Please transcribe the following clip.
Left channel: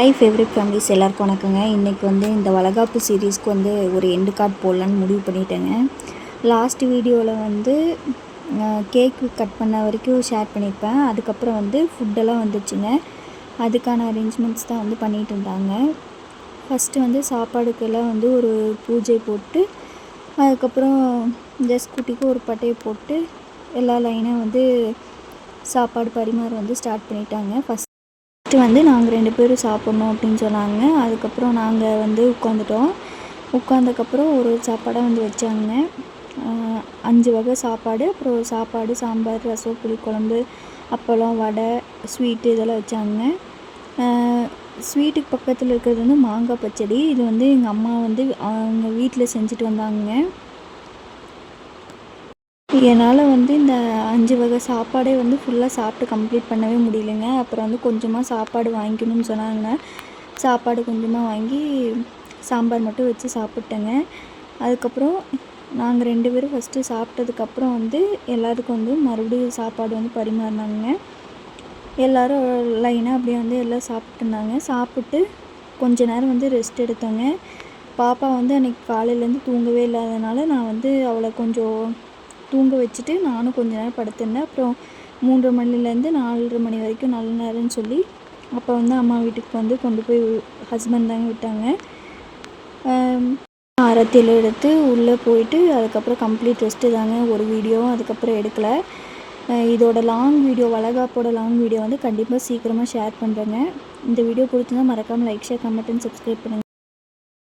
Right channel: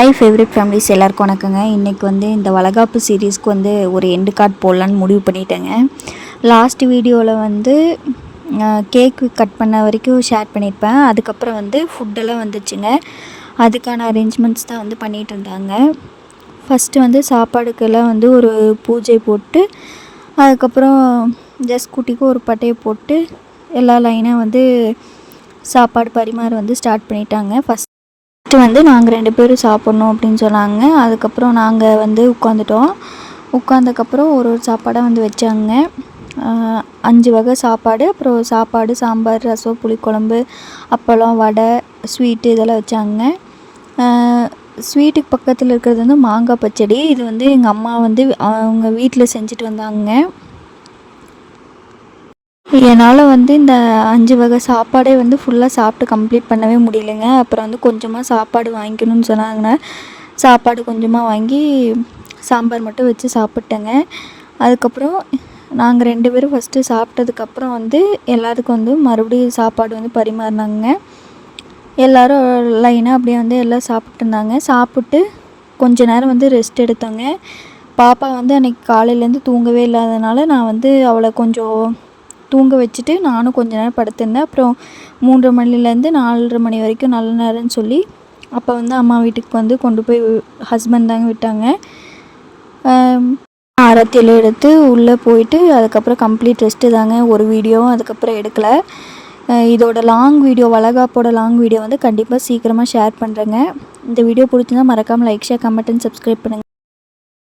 My favourite families எல்லாருக்கும் வணக்கங்க. இன்றைக்கி இந்த வளகாப்பு சீரீஸ்க்கு ஒரு எண்டு கார்டு போடலான்னு முடிவு பண்ணிட்டேங்க. லாஸ்ட் வீடியோவில் கேக்கு கட் பண்ண வரைக்கும் ஷேர் பண்ணியிருப்பேன். அதுக்கப்புறம் ஃபுட்டெல்லாம் வந்துச்சுங்க. அதுக்கான அரேஞ்ச்மெண்ட்ஸ் தான் பண்ணிகிட்டு இருந்தாங்க. ஃபஸ்ட்டு சாப்பாடுக்கெல்லாம் ஒரு பூஜை போட்டு, அதுக்கப்புறம் ஜஸ்ட் குட்டிக்கு ஒரு பட்டையை போட்டு எல்லா லைனாக சாப்பாடு பரிமாற ஸ்டார்ட் பண்ணிட்டாங்க. ஃபஸ்ட்டு நாங்கள் 2 பேரும் சாப்பிட்ணும் அப்படின்னு சொன்னாங்க. அதுக்கப்புறம் நாங்கள் உட்காந்துட்டோம். உட்காந்ததுக்கப்புறம் ஒரு சாப்பாடாக வச்சாங்க. 5 வகை சாப்பாடு, அப்புறம் சாப்பாடு, சாம்பார், ரசம், புளிக்குழம்பு, அப்பளம், வடை, ஸ்வீட்டு இதெல்லாம் வச்சாங்க. ஸ்வீட்டுக்கு பக்கத்தில் இருக்கிறது மாங்காய் பச்சடி. இது எங்கள் அம்மா அவங்க வீட்டில் செஞ்சுட்டு வந்தாங்க. என்னால் இந்த 5 வகை சாப்பாடே ஃபுல்லாக சாப்பிட்டு கம்ப்ளீட் பண்ணவே முடியலைங்க. அப்புறம் கொஞ்சமாக சாப்பாடு வாங்கிக்கணும்னு சொன்னாங்க. சாப்பாடு கொஞ்சமாக வாங்கி சாம்பார் மட்டும் வச்சு சாப்பிட்டேங்க. அதுக்கப்புறம் நாங்கள் 2 பேரும் ஃபஸ்ட்டு சாப்பிட்டதுக்கப்புறம் எல்லாத்துக்கும் மறுபடியும் சாப்பாடு பரிமாறினாங்க. எல்லோரும் லைனாக அப்படியே எல்லாம் சாப்பிட்டு இருந்தாங்க. சாப்பிட்டு கொஞ்ச நேரம் ரெஸ்ட் எடுத்தோங்க. பாப்பா அன்றைக்கி காலையிலேருந்து தூங்கவே இல்லாதனால நான் அவளை கொஞ்சம் தூங்க வச்சுட்டு நானும் கொஞ்ச நேரம் படுத்திருந்தேன். அப்புறம் 3:30 மணிலேருந்து 4:30 மணி வரைக்கும் நல்ல நேரம்னு சொல்லி அப்போ அம்மா வீட்டுக்கு கொண்டு போய் ஹஸ்பண்ட் தாங்க விட்டாங்க. ஆரத்தியில் எடுத்து உள்ளே போயிட்டு அதுக்கப்புறம் கம்ப்ளீட் ரெஸ்ட்டு தாங்க. ஒரு வீடியோவும் அதுக்கப்புறம் எடுக்கலை. இதோட லாங் வீடியோ, வளகாப்போட லாங் வீடியோ கண்டிப்பாக சீக்கிரமாக ஷேர் பண்ணுறேங்க. இந்த வீடியோ பிடிச்சிருந்தா மறக்காமல் like, share, comment and subscribe பண்ணுங்கள்.